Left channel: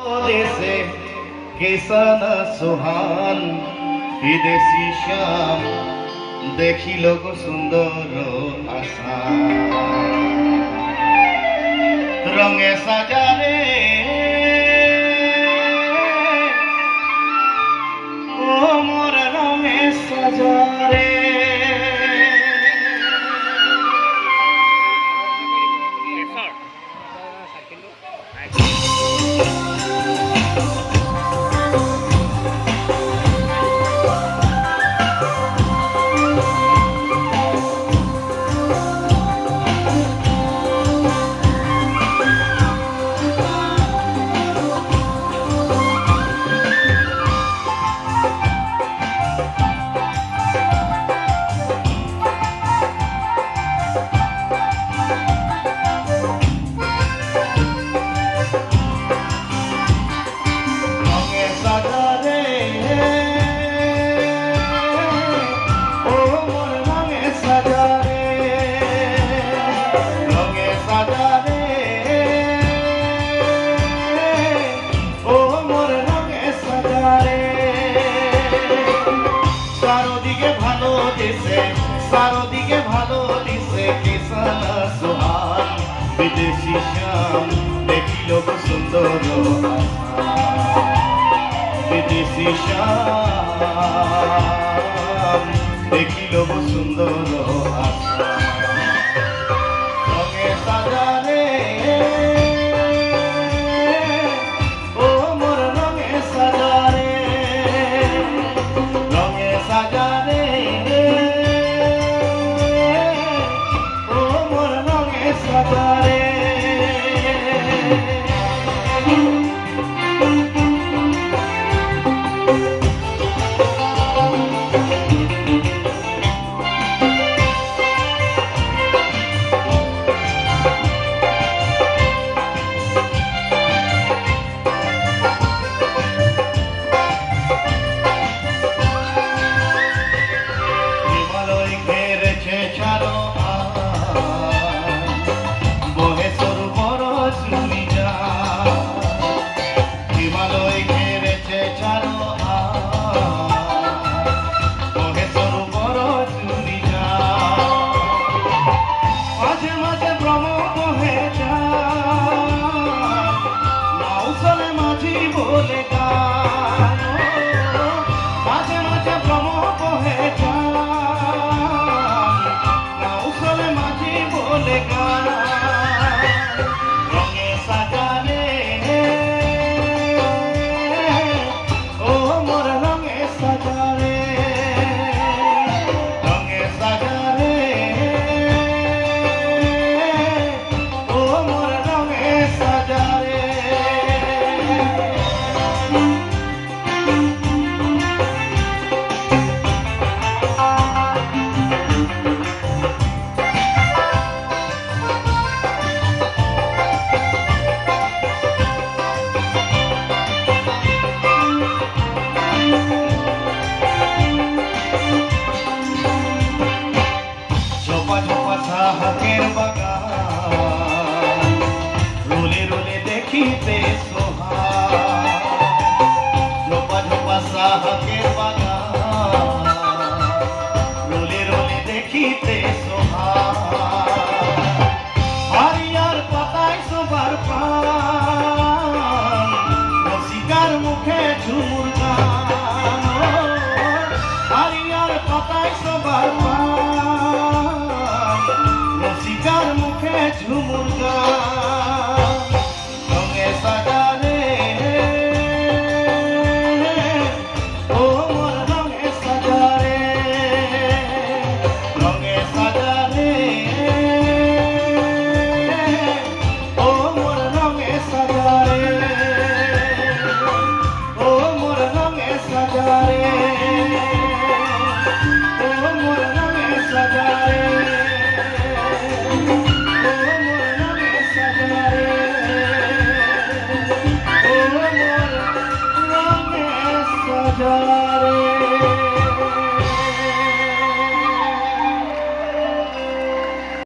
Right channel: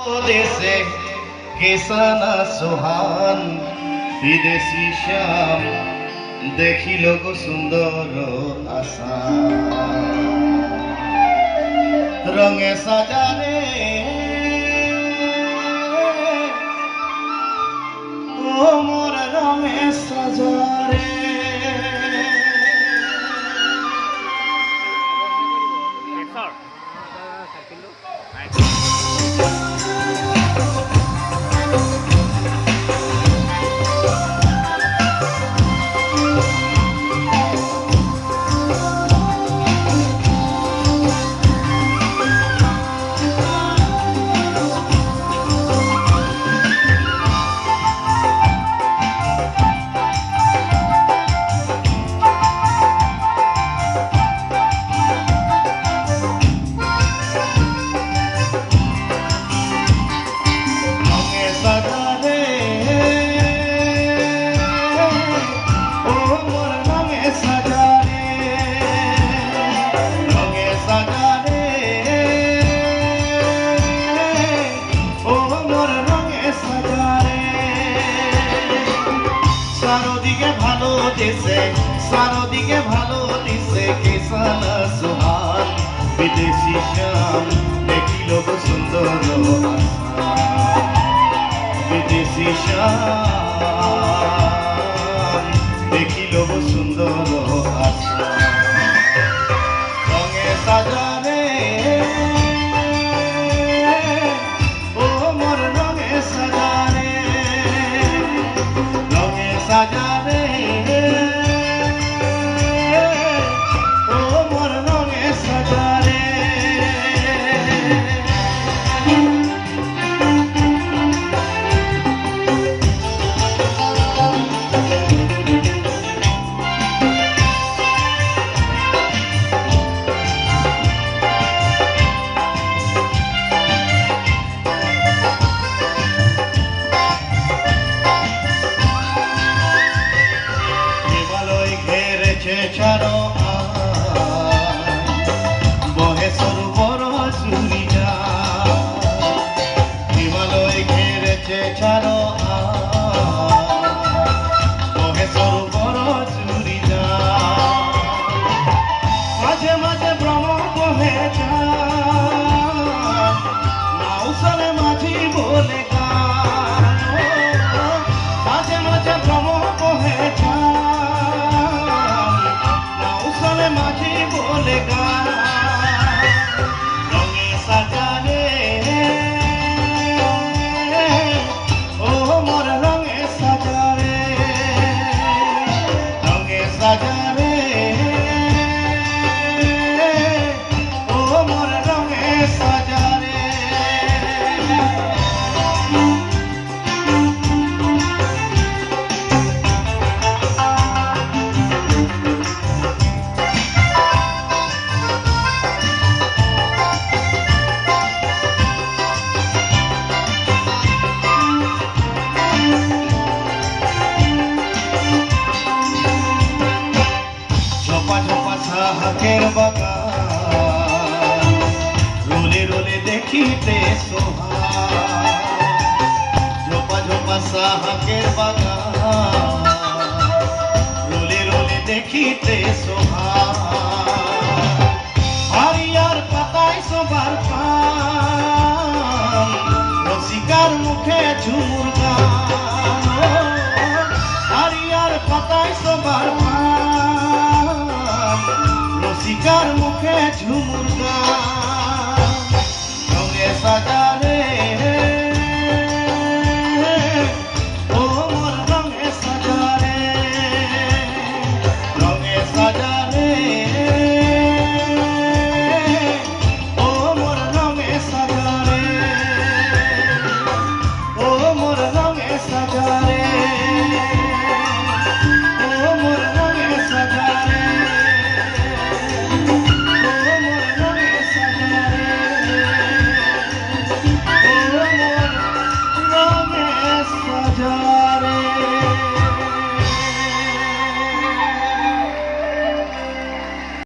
দেশে কেসানা সোহান বিদেশি শ্যাম দেখিল গো সুন্দর আশা রঙে সাজারে ও মোর রঙে সাজারে চারদিকে ভালো দিছে কেসানা সোহান বিদেশি শ্যাম দেখিল গো সুন্দর আশা বিদেশি শ্যাম দেখিল গো সুন্দর আশা রঙে সাজালে ও মোর রঙে সাজালে রঙে সাজালে ছাড়ো বহে সরোবর চুরিটা হিমালয় ঘেরেছে ছাড়ো বহে সরোবর চুরিটা মাঝে মাঝে ভ্রমণ বহে নাউসালে মাঝি বলে গান মাঝে মাঝে ভ্রমণ বহে মাঝি বলে গান রঙে সাজালে ও মোর রঙে সাজালে রঙে সাজালে ও মোর রঙে সাজালে সাহাকের বাগান রোলে রোলে দেখিতে সোহান ঝোপা ঝোপা সাহাকের বাগান রোলে রোলে দেখিতে সোহান